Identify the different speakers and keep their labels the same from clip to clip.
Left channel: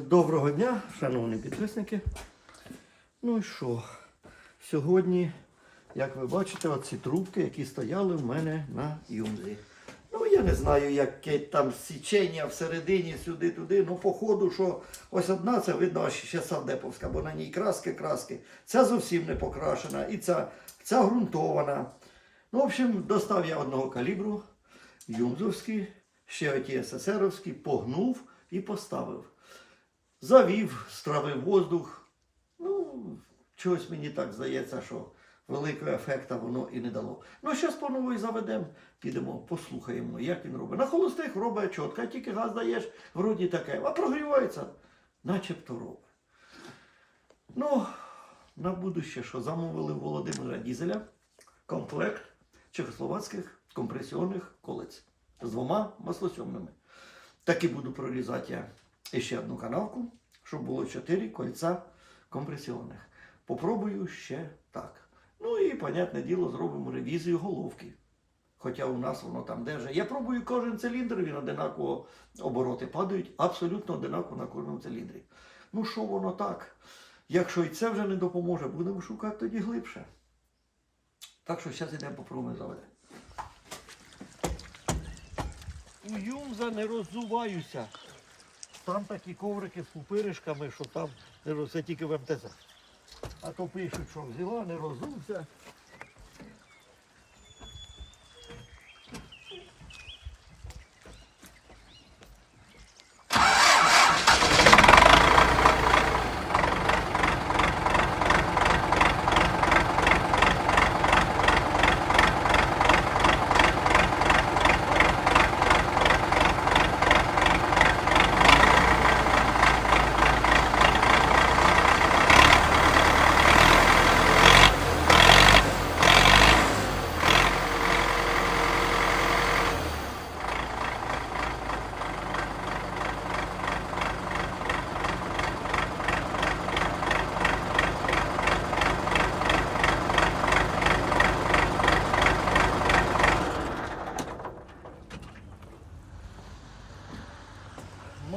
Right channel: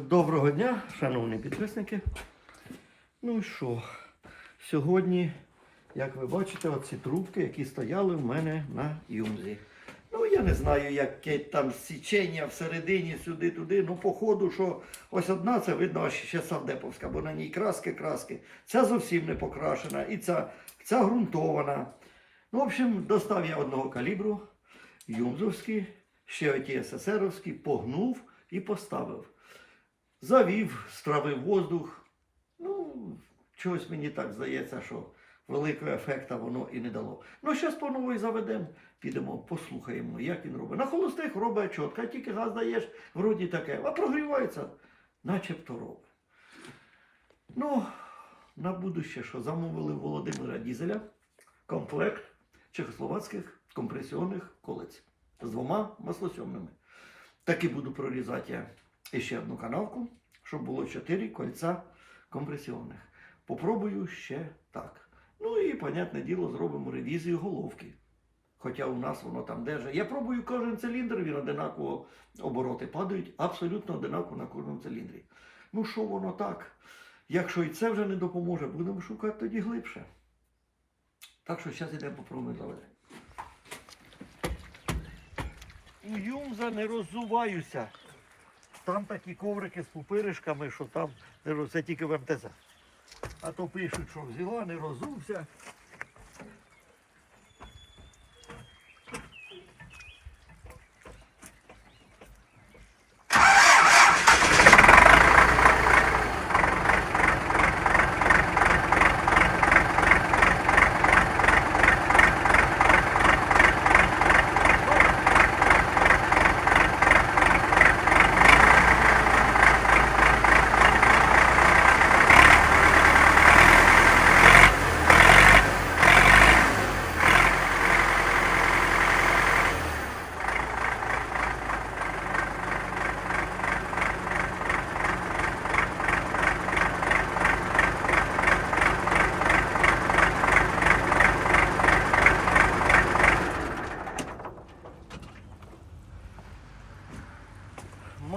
Speaker 1: Доброго дня, шановні підписники. Ну і що? Сьогодні, як ви бачите, оці трубки, які стояли в мене на юмзі. Ну, я не знаю, яке там січення всередині, сюди-туди. Ну, походу, що ось одна, це видно, ще савдеповська, бо на ній краски, краски. Ця зовсім не покрашена, і ця, ця ґрунтована. Ну, в общем, достав я одного калібру, юмзовський, ще оті СССРовські, погнув і поставив. Завів, стравив воздух. Ну, чогось мені так здається, що великого ефекта воно і не дало. Ну, зараз по новій заведемо, підемо, послухаємо, як він робить. На холостих робить чітко, тільки газ даєш, вроді таке, а прогрівається, начебто робить. Ну, на будуще, що замовили Володимира Дізеля комплект чехословацьких компресіонних колець з двома маслосьомними. Таки буду прорізати я ще одну канавку, щоб було 4 кольця компресіонних. Попробую ще так. Ну і, понятне діло, зробимо ревізію головки. Хоча у нас воно там держить. Я пробую кожен циліндр, він одинаково обороти падають, абсолютно одинаково на кожному циліндрі. Ну що воно так? Якщо і це вже не допоможе, будемо шукати тоді глибше. Так що зараз йдемо попробуємо заведемо. У Юмза не роззуваюся. Там такі коврики з пупиришками, що там це тільки в МТЗ. А то пишуть, що взяла, не розувся.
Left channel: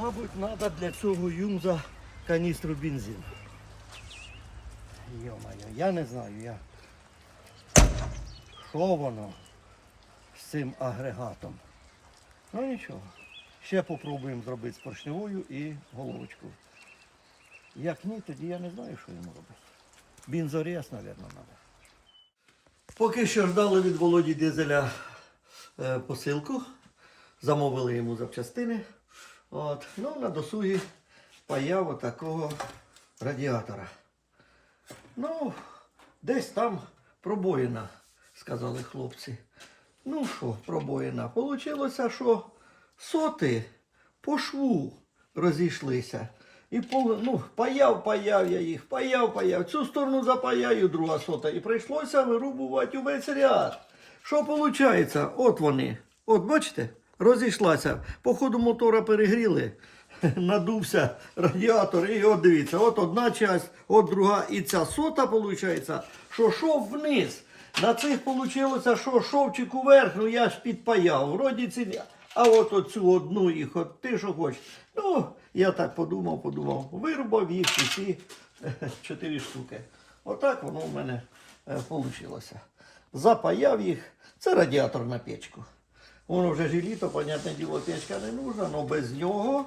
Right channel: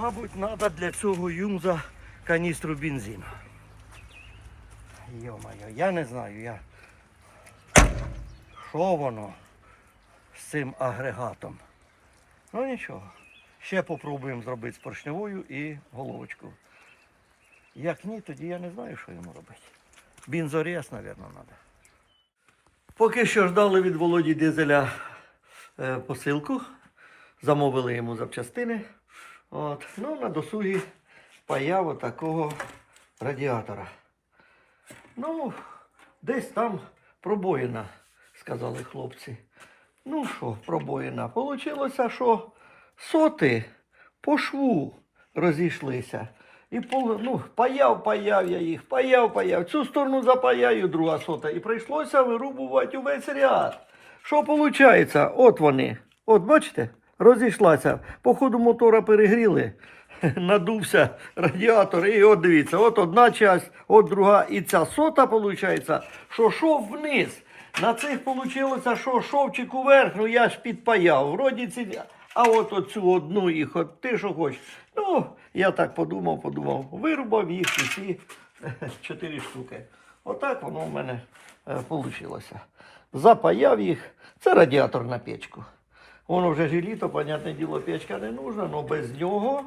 Speaker 1: Мабуть, треба для цього Юмза каністру бензину. Йо-моє, я не знаю, я. Що воно з цим агрегатом? Ну нічого. Ще попробуємо зробити з поршневою і головочку. Як ні, тоді я не знаю, що йому робити. Бензорез, мабуть, треба. Поки що ждали від Володі Дизеля е, посилку. Замовили йому запчастини. От. Ну, на досугі паяв отакого радіатора. Ну, десь там пробоїна, сказали хлопці. Ну що, пробоїна? Получилося, що соти по шву розійшлися. І ну, паяв, паяв я їх, паяв, паяв. Цю сторону запаяю, друга сота. І прийшлося вирубувати увесь ряд. Що виходить? От вони. От бачите? Розійшлася. По ходу мотора перегріли. Надувся радіатор. І от дивіться, от одна часть, от друга. І ця сота, виходить, що шов вниз. На цих вийшло, що шовчик уверх, ну я ж підпаяв. Вроді ці. А от оцю одну їх, от ти що хочеш. Ну, я так подумав, подумав, вирубав їх усі чотири штуки. Отак воно в мене вийшло. Запаяв їх. Це радіатор на печку. Воно вже ж і літо, понятне діло, печка не нужна, але без нього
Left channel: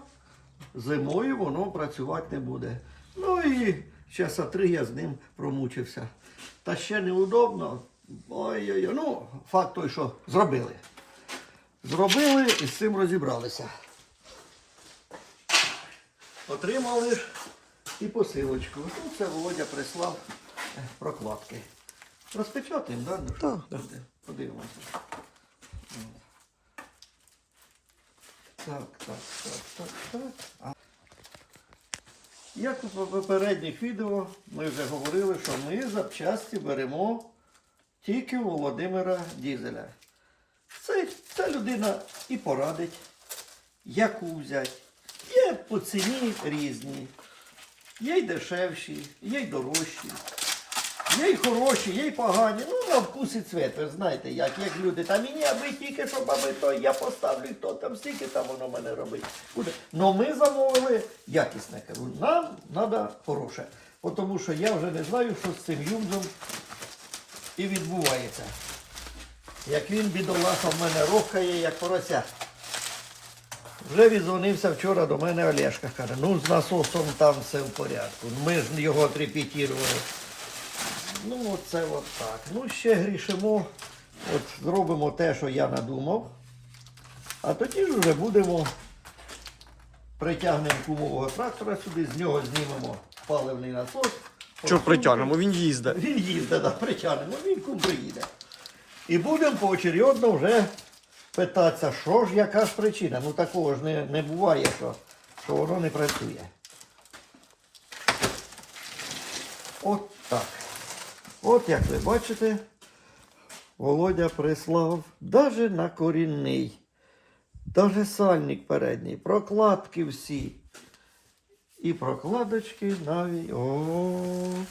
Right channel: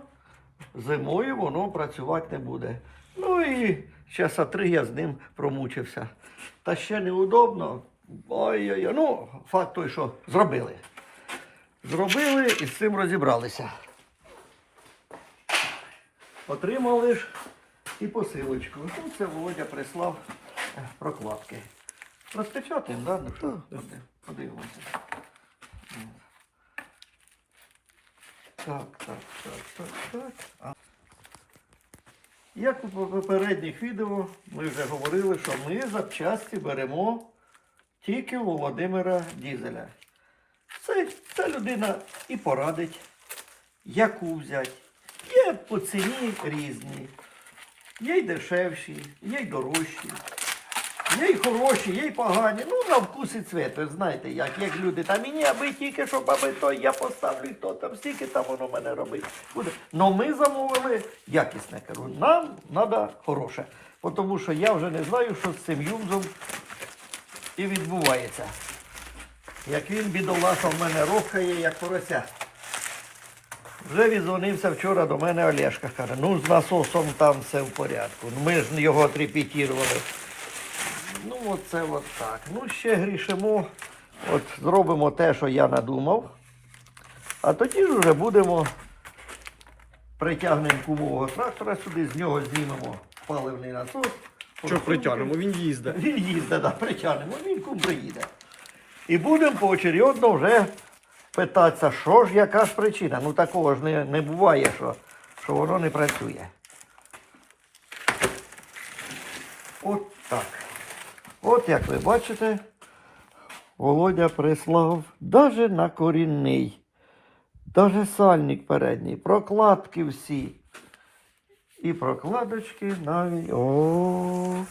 Speaker 1: зимою воно працювати не буде. Ну і часа три я з ним промучився. Та ще неудобно. Ой-ой-ой. Ну, факт той, що зробили. Зробили і з цим розібралися. Отримали і посилочку. Тут це Володя прислав е, прокладки. Розпечатаємо, да? Ну, що? Подивимося. Так, так, так, так, так. А. Як у попередніх відео ми вже говорили, що ми запчасті беремо тільки у Володимира Дізеля. Це, ця людина і порадить, яку взяти. Є по ціні різні. Є й дешевші, є й дорожчі. Є й хороші, є й погані. Ну, на вкус і цвет, ви знаєте, як, як люди. Та мені аби тільки, щоб аби то я поставлю, хто там стільки там воно мене робить. Буде. Но ми замовили якісне. Кажу, нам треба хороше. Тому що я вже не знаю, що з цим юнзом і відбувається. Як він бідолаха в мене рухає, як порося. Вже відзвонився вчора до мене Олешка. Каже, ну з насосом там все в порядку. Ну, Ми ж його отрепетірували. Ну, оце от так. Ну, ще грішимо. От зробимо те, що я надумав. А тоді ж вже будемо притягнемо кумового трактора сюди, з нього знімемо паливний насос.
Speaker 2: Що притягнемо? Він їздить.
Speaker 1: Він їздить, да, притягнемо, він кум приїде. І будемо поочередно вже питатися, що ж, яка ж причина. Ну такого ж не, не буває, що, що воно не працює. От так. От як ви бачите, Володя прислав даже на корінний, даже сальник передній, прокладки всі. І прокладочки навіть. О.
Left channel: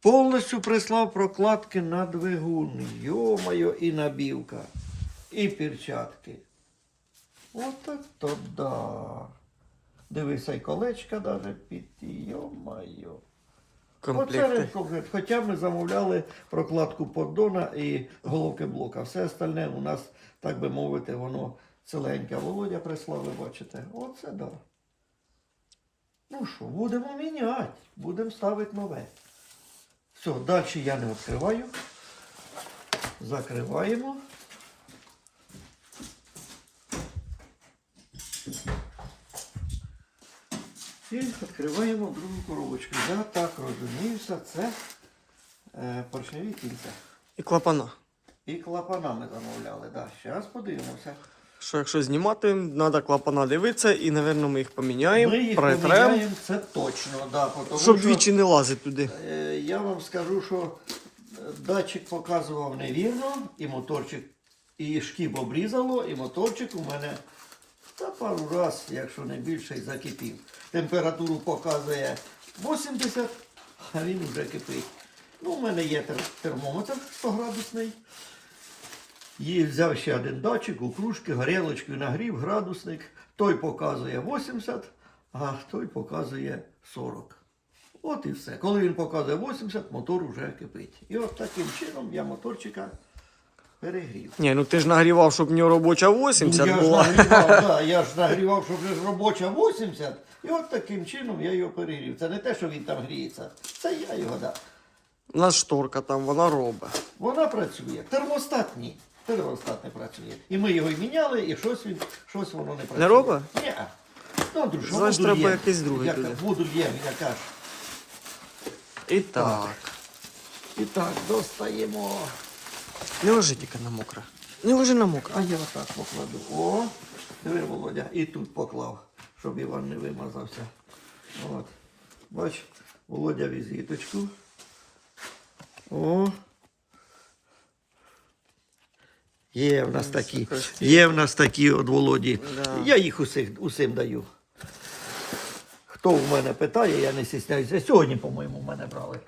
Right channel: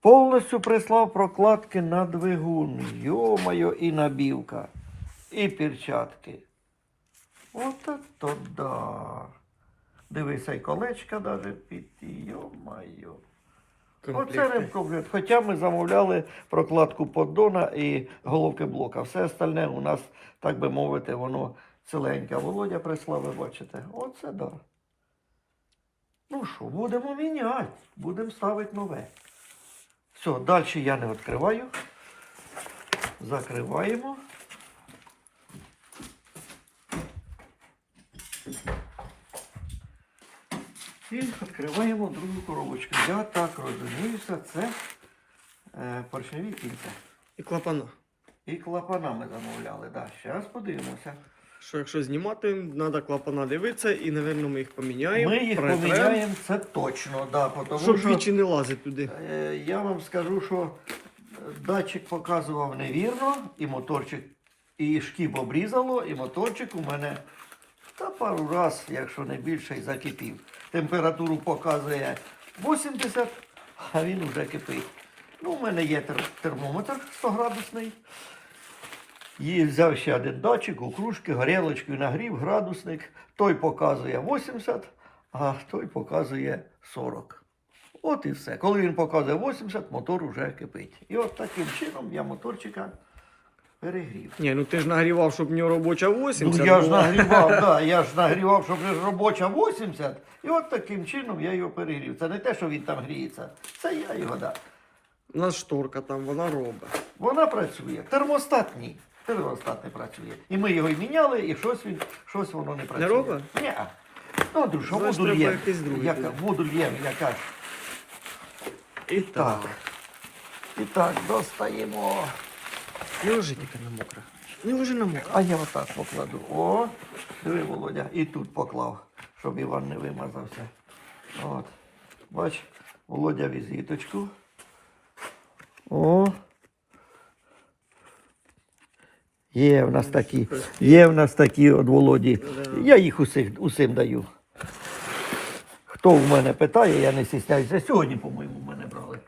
Speaker 1: Повністю прислав прокладки на двигун. Йо-моє, і набівка, і перчатки. От то да. Дивися, і колечка даже під. Йо-моє. Оце ремкомплект. Хоча ми замовляли прокладку поддона і головки блока. Все остальне у нас, так би мовити, воно ціленьке. Володя прислав, ви бачите. Оце да. Ну що, будемо міняти, будемо ставити нове. Все, далі я не відкриваю. Закриваємо. І відкриваємо другу коробочку. Я так розуміюся, це е, поршневі кільця.
Speaker 2: І клапана.
Speaker 1: І клапана ми замовляли. Да. Зараз подивимося.
Speaker 2: Що якщо знімати, треба клапана дивитися і, напевно, ми їх поміняємо,
Speaker 1: Ми їх
Speaker 2: притрем,
Speaker 1: поміняємо, це точно. Да, тому
Speaker 2: щоб
Speaker 1: що,
Speaker 2: двічі не лазить туди.
Speaker 1: е, я вам скажу, що е, датчик показував невірно, і моторчик, і шкіб обрізало, і моторчик у мене та пару раз, якщо не більше, і закипів. Температуру показує 80, а він вже кипить. Ну, у мене є термометр 100 градусний. І взяв ще один датчик, у кружки, горілочку нагрів, градусник. Той показує 80, а той показує 40. От і все. Коли він показує 80, мотор вже кипить. І от таким чином я моторчика перегрів.
Speaker 2: Ні, ну ти ж нагрівав, щоб в нього робоча 80
Speaker 1: Ну, я ж нагрівав, да, я ж нагрівав, щоб робоча 80. І от таким чином я його перегрів. Це не те, що він там гріється. Це я його дав.
Speaker 2: У нас шторка там, вона робить.
Speaker 1: Вона працює. Термостат ні. Термостат не працює. І ми його й міняли, і щось він, щось воно не працює.
Speaker 2: Не робить?
Speaker 1: Ні. Ну, Андрюш, а
Speaker 2: Значить, треба якийсь другий
Speaker 1: Яка,
Speaker 2: туди.
Speaker 1: воду л'єм, яка ж.
Speaker 2: І так.
Speaker 1: І так, достаємо.
Speaker 2: Не лежи тільки на мокре. Не лежи на мокре.
Speaker 1: А я отак покладу. О, диви, Володя, і тут поклав, щоб Іван не вимазався. От. Бач, Володя візиточку. О. Є в нас такі. Є в нас такі от Володі. Я їх усіх, усім даю. Хто в мене питає, я не стісняюся. Сьогодні, по-моєму, в мене брали.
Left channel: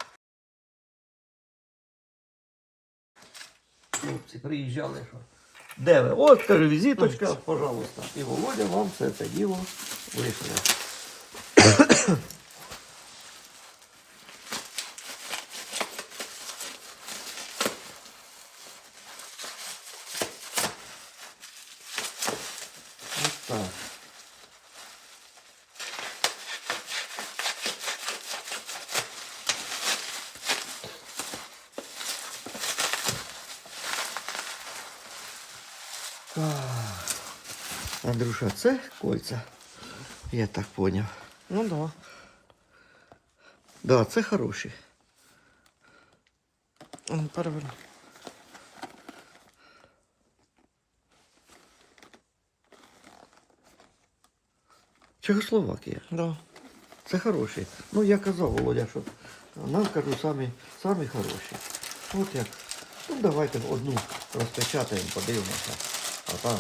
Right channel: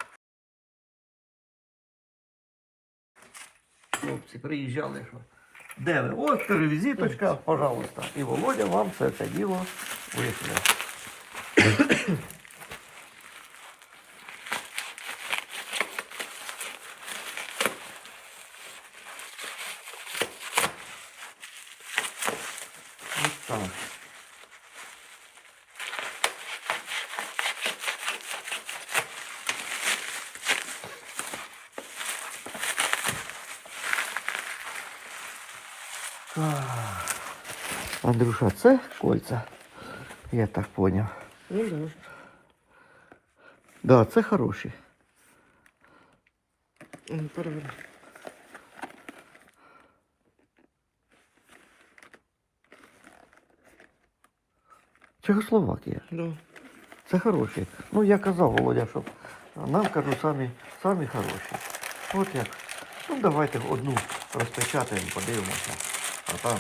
Speaker 1: Хлопці приїжджали, що. Де ви? Ось каже, візиточка, пожалуйста. І Володя вам все це діло вийшло. Ось так. Андрюша, це кольця. Я так поняв.
Speaker 2: Ну так. Да.
Speaker 1: Да, це хороші.
Speaker 2: Ну.
Speaker 1: Чехословакія.
Speaker 2: Да.
Speaker 1: Це хороші. Ну, я казав, Володя, що нам кажу самі, самі хороші. От як. Ну, давайте одну розпечатаємо, подивимося. А там.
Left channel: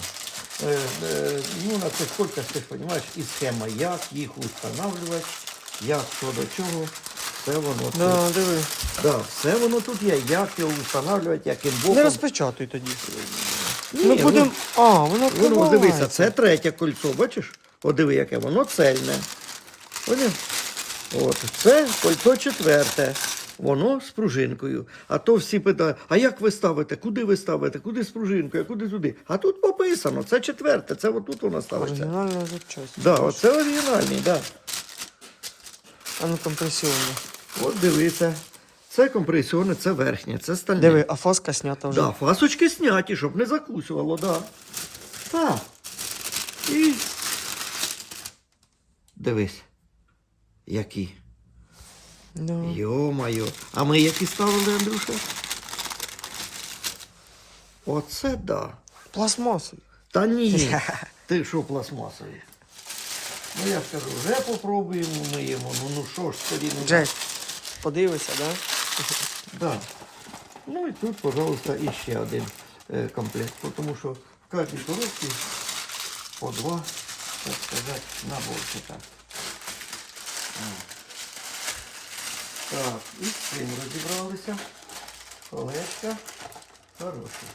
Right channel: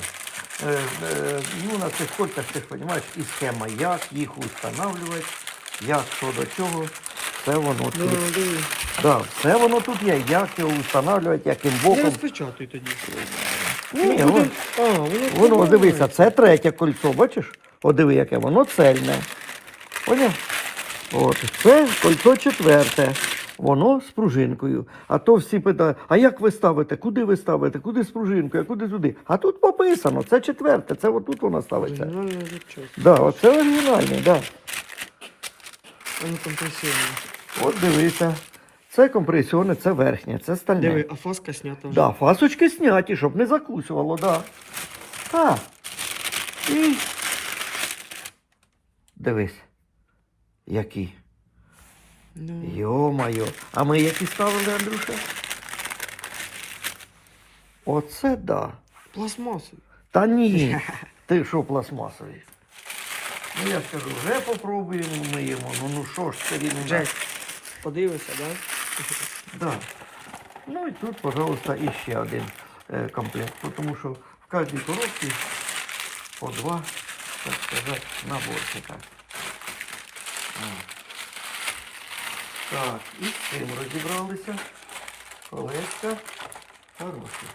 Speaker 1: Е, е, ну, на цих кольцях ти ж розумієш, і схема, як їх встановлювати, як, що до чого. все воно тут.
Speaker 2: Да, диви.
Speaker 1: Да, все воно тут є. Як його встановлювати, яким
Speaker 2: Не розпечатуй тоді.
Speaker 1: Ні,
Speaker 2: Ми
Speaker 1: воно-
Speaker 2: будем... А, воно
Speaker 1: Воно, дивися, це третє кольцо, бачиш? О, диви, яке воно цельне. Поняв? От, це кольцо четверте. Воно з пружинкою. А то всі питають, а як ви ставите? Куди ви ставите? Куди з пружинкою, а куди туди? А тут пописано, це четверте, це отут воно ставиться.
Speaker 2: Оригінальна запчасть.
Speaker 1: Да, оце оригінальний, да.
Speaker 2: А ну компресіонне.
Speaker 1: От дивися. Це компресіоне, це верхнє, це стальне.
Speaker 2: Диви, а фаска снята вже.
Speaker 1: Да, фасочки зняті, щоб не закусувало, да. Так. І. Дивись. Які.
Speaker 2: Да.
Speaker 1: Йо-майо. А ми які ставили, Андрюша? Оце да.
Speaker 2: Пластмасові.
Speaker 1: Та ні. Ти що пластмасові? Ну я скажу, вже попробуємо миємо. Ну ну що ж це він у нас?
Speaker 2: Джек, подивися, да?
Speaker 1: Да. Ну і тут, пожалуйста, іще один е, комплект, тому що в кожній коробці по два, так сказати, наборчика. Так, і з цим розібралися. Колечка хороші.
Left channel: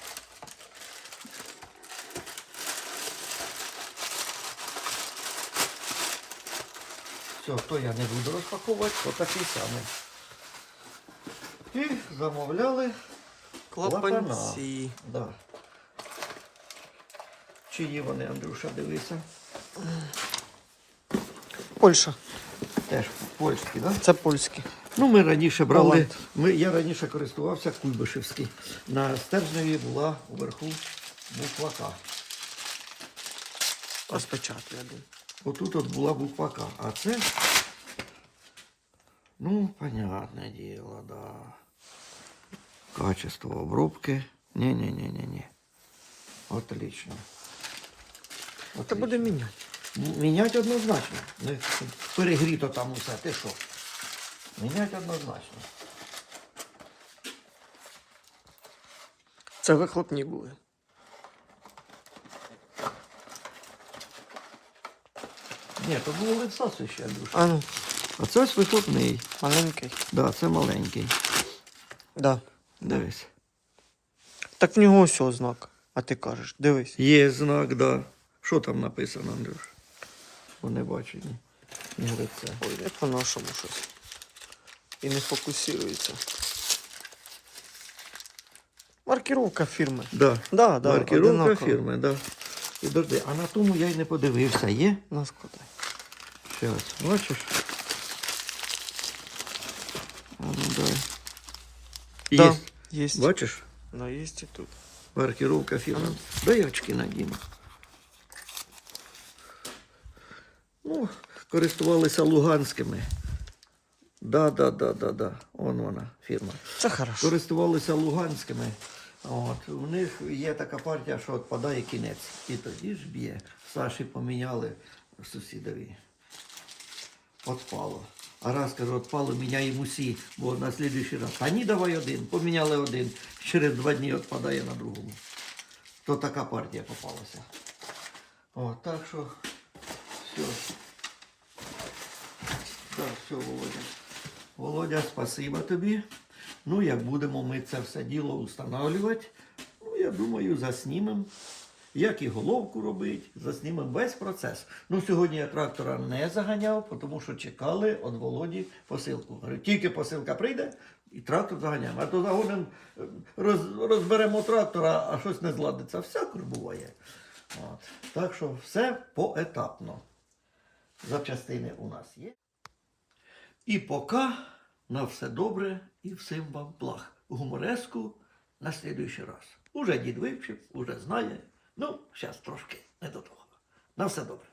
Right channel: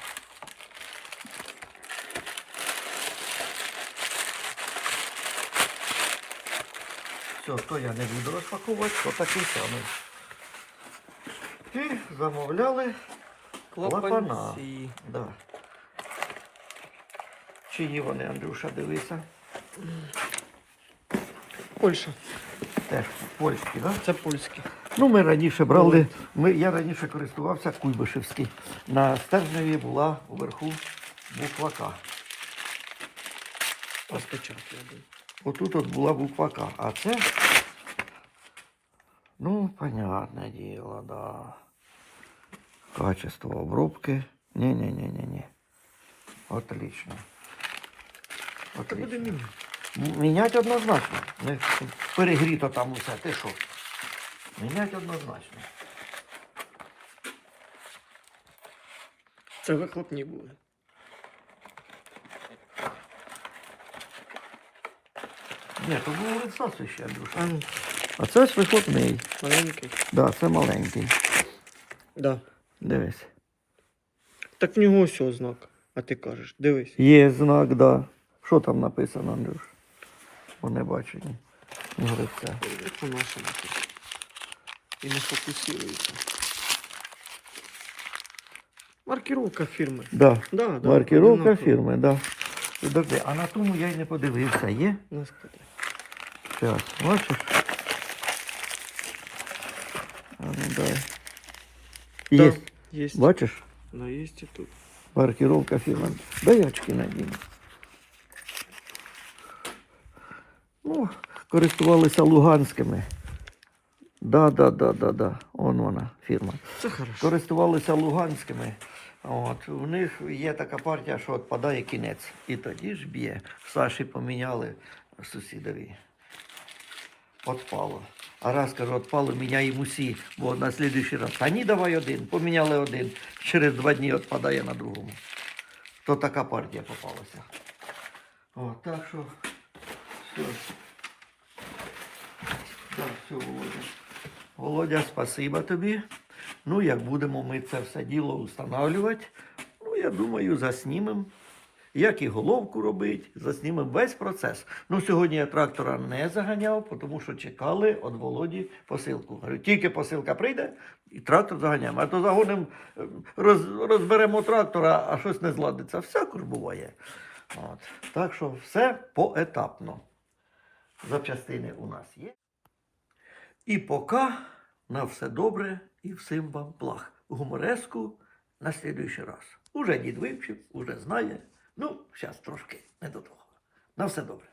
Speaker 1: Все, то я не буду розпаковувати, то такий самий. І замовляли
Speaker 2: Клапанці.
Speaker 1: Да. Чиї вони, Андрюша, дивися.
Speaker 2: Польща.
Speaker 1: Теж польські, так? Да?
Speaker 2: Це польські.
Speaker 1: Ну, ми раніше брали, ми, я раніше користувався Куйбишевський. На стержневі була уверху буква К.
Speaker 2: Розпечатуй один.
Speaker 1: Отут от була буква К. А це. Ну, понятне діло, да. Качество обробки. Ні-ні-ні-ні-ні. Отлично.
Speaker 2: Та буде міняти.
Speaker 1: Міняти однозначно. Перегріто там усе. Ти що? Міняти однозначно.
Speaker 2: Це вихлопні були.
Speaker 1: Ні, то було лицасу ще, Андрюша.
Speaker 2: А ну,
Speaker 1: А це ось вихлопний.
Speaker 2: маленький.
Speaker 1: Да, це маленький.
Speaker 2: Да.
Speaker 1: Дивись.
Speaker 2: Так в нього ось ось знак. А ти кажеш, дивись.
Speaker 1: Є знак, да. Що там написано, Андрюш? Бо не бачу ні. Ні.
Speaker 2: Ой, як по-нашому щось. І не фокусується. Маркировка фірми.
Speaker 1: Да.
Speaker 2: Да, да,
Speaker 1: Маркировка
Speaker 2: одинаково.
Speaker 1: фірми, да. Підожди, а на тому я й не подивився, є?
Speaker 2: На.
Speaker 1: Зараз, бачиш? А ну дай.
Speaker 2: Да,
Speaker 1: Є.
Speaker 2: Есть.
Speaker 1: Бачиш?
Speaker 2: Да, есть и тут.
Speaker 1: Маркировка фірми. Дай очки надіну. Ну, користувалися луганськими. Да, да, да, да, да. Он вона, фірма.
Speaker 2: Це хорошо.
Speaker 1: Користувалися луганськими. От, у них є така партія, що відпадає кінець. І тоді ж б'є. Саші поміняли сусідові. Отпало. А раз кажу, отпало, міняємо усі, бо на слідуючий раз. Та ні, давай один. Поміняли один. Через два дні відпадає на другому. То така партія попалася. О, так що все. Так, все, Володя. Володя, спасибо тобі. Ну, як будемо ми це все діло встановлювати, ну, я думаю, заснімемо. Як і головку робити, заснімемо весь процес. Ну, сьогодні я трактора не заганяв, тому що чекали від Володі посилку. Говорю, тільки посилка прийде, і трактор заганяємо. А то загонимо, е, роз, розберемо трактора, а щось не зладиться. Всяко ж буває. От. Так що все поетапно. Запчастини у нас є. І поки на все добре і всім вам благ. Гумореску на слідуючий раз. Уже дід вивчив, уже знає. Ну, зараз трошки не до того. На все добре.